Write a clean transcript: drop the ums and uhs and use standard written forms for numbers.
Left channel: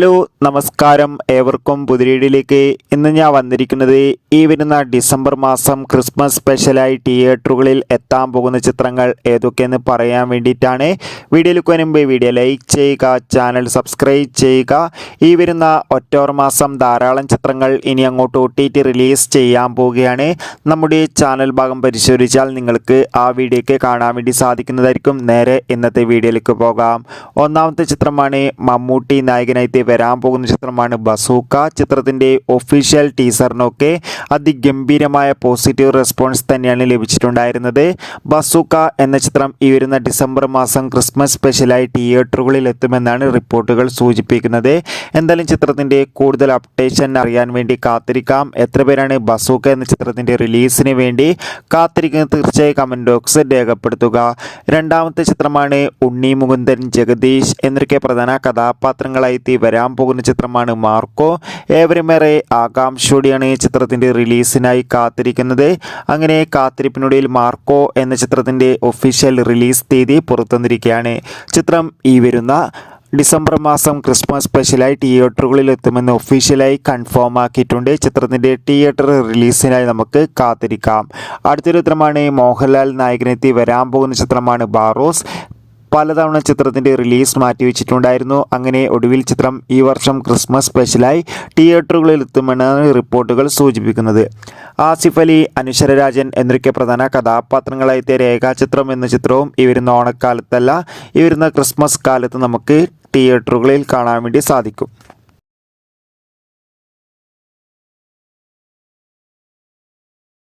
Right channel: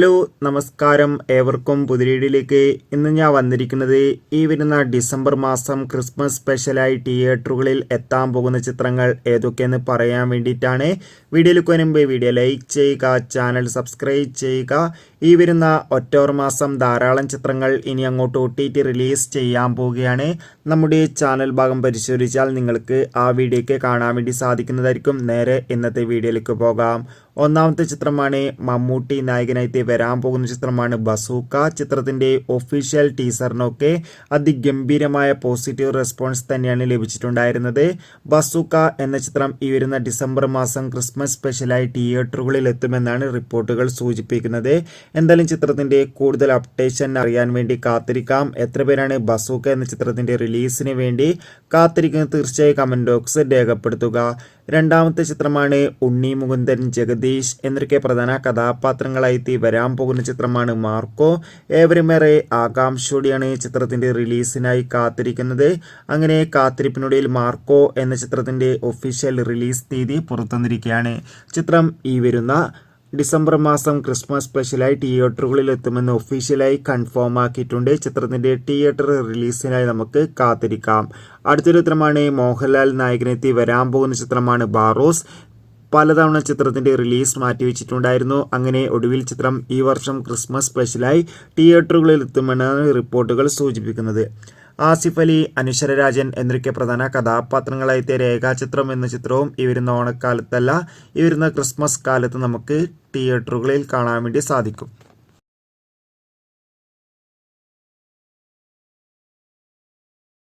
Hello നമസ്കാരം, ഏവർക്കും പുതിരീടിലേക്ക്. ഇന്ന് ഞാൻ വന്നിരിക്കുന്നത് ഈ വരുന്ന ഡിസംബർ മാസം ക്രിസ്മസ് സ്പെഷ്യലായി തിയേറ്ററുകളിൽ എത്താൻ പോകുന്ന ചിത്രങ്ങൾ ഏതൊക്കെയെന്ന് പറയാൻ വേണ്ടിയിട്ടാണ്. വീഡിയോയിലേക്ക് വരുമ്പോൾ വീഡിയോ ലൈക്ക് ചെയ്യുക, ചാനൽ സബ്സ്ക്രൈബ് ചെയ്യുക. ഈ വരുന്ന ഒക്ടോബർ മാസം ധാരാളം ചിത്രങ്ങൾ ഇനി അങ്ങോട്ട് OTT റിലീസ് ചെയ്യാൻ പോവുകയാണ്. നമ്മുടെ ചാനൽ ഭാഗം പരിശോധിച്ചാൽ നിങ്ങൾക്ക് ആ വീഡിയോയ്ക്ക് കാണാൻ വേണ്ടി സാധിക്കുന്നതായിരിക്കും. നേരെ ഇന്നത്തെ വീഡിയോയിലേക്ക് പോകാം. ഒന്നാമത്തെ ചിത്രമാണ് മമ്മൂട്ടി നായകനായി വരാൻ പോകുന്ന ചിത്രമാണ് ബസൂക്ക. ചിത്രത്തിൻ്റെ ഒഫീഷ്യൽ ടീസറിനൊക്കെ അതിഗംഭീരമായ പോസിറ്റീവ് റെസ്പോൺസ് തന്നെയാണ് ലഭിച്ചിട്ടുണ്ടായിരുന്നത്. ബസൂക്ക എന്ന ചിത്രം ഈ വരുന്ന ഡിസംബർ മാസം ക്രിസ്മസ് സ്പെഷ്യലായി തിയേറ്ററുകളിൽ എത്തുമെന്നാണ് റിപ്പോർട്ടുകൾ സൂചിപ്പിക്കുന്നത്. എന്തായാലും ചിത്രത്തിൻ്റെ കൂടുതൽ അപ്ഡേഷൻ അറിയാൻ വേണ്ടി കാത്തിരിക്കാം. എത്ര പേരാണ് ബസൂക്ക എന്ന ചിത്രത്തിൻ്റെ റിലീസിന് വേണ്ടി കാത്തിരിക്കുന്നത്? തീർച്ചയായും കമൻറ്റ് ബോക്സിൽ രേഖപ്പെടുത്തുക. രണ്ടാമത്തെ ചിത്രമാണ് ഉണ്ണി മുകുന്ദൻ, ജഗദീഷ് എന്നൊക്കെ പ്രധാന കഥാപാത്രങ്ങളായി വരാൻ പോകുന്ന ചിത്രമാണ് മാർക്കോ. ഏവരുമേറെ ആകാംക്ഷയോടെയാണ് ചിത്രത്തിൻ്റെ റിലീസിനായി കാത്തിരിക്കുന്നത്. അങ്ങനെ കാത്തിരിപ്പിനൊടുവിൽ മാർക്കോ എന്ന ചിത്രത്തിൻ്റെ ഒഫീഷ്യൽ റിലീസ് തീയതി പുറത്തുവന്നിരിക്കുകയാണ്. ചിത്രം ഈ വരുന്ന ഡിസംബർ മാസം ക്രിസ്മസ് സ്പെഷ്യലായി തിയേറ്ററുകളിൽ എത്തുമെന്ന് ഒഫീഷ്യലായി കൺഫേം ആക്കിയിട്ടുണ്ട്. ചിത്രത്തിൻ്റെ തിയേറ്റർ റിലീസിനായി നമുക്ക് കാത്തിരിക്കാം. അടുത്തൊരു ചിത്രമാണ് മോഹൻലാൽ നായകനെത്തി വരാൻ പോകുന്ന ചിത്രമാണ് ബാറോസ്. പലതവണ ചിത്രത്തിൻ്റെ റിലീസ് മാറ്റിവെച്ചിട്ടുണ്ടായിരുന്നു. അങ്ങനെ ഒടുവിൽ ചിത്രം ഈ വർഷം ക്രിസ്മസ് സ്പെഷ്യലായി തിയേറ്ററുകളിൽ എത്തുമെന്നാണ് റിപ്പോർട്ടുകൾ സൂചിപ്പിക്കുന്നത്. ആസിഫ് അലി, അനശ്വര രാജൻ എന്നൊക്കെ പ്രധാന കഥാപാത്രങ്ങളായി രേഖാചിത്രം എന്ന ചിത്രവും ഈ വരുന്ന ഓണക്കാലത്തല്ല, ഈ വരുന്ന ക്രിസ്മസ് കാലത്ത് നമുക്ക് തിയേറ്ററുകളിൽ കാണാൻ വേണ്ടി സാധിക്കും.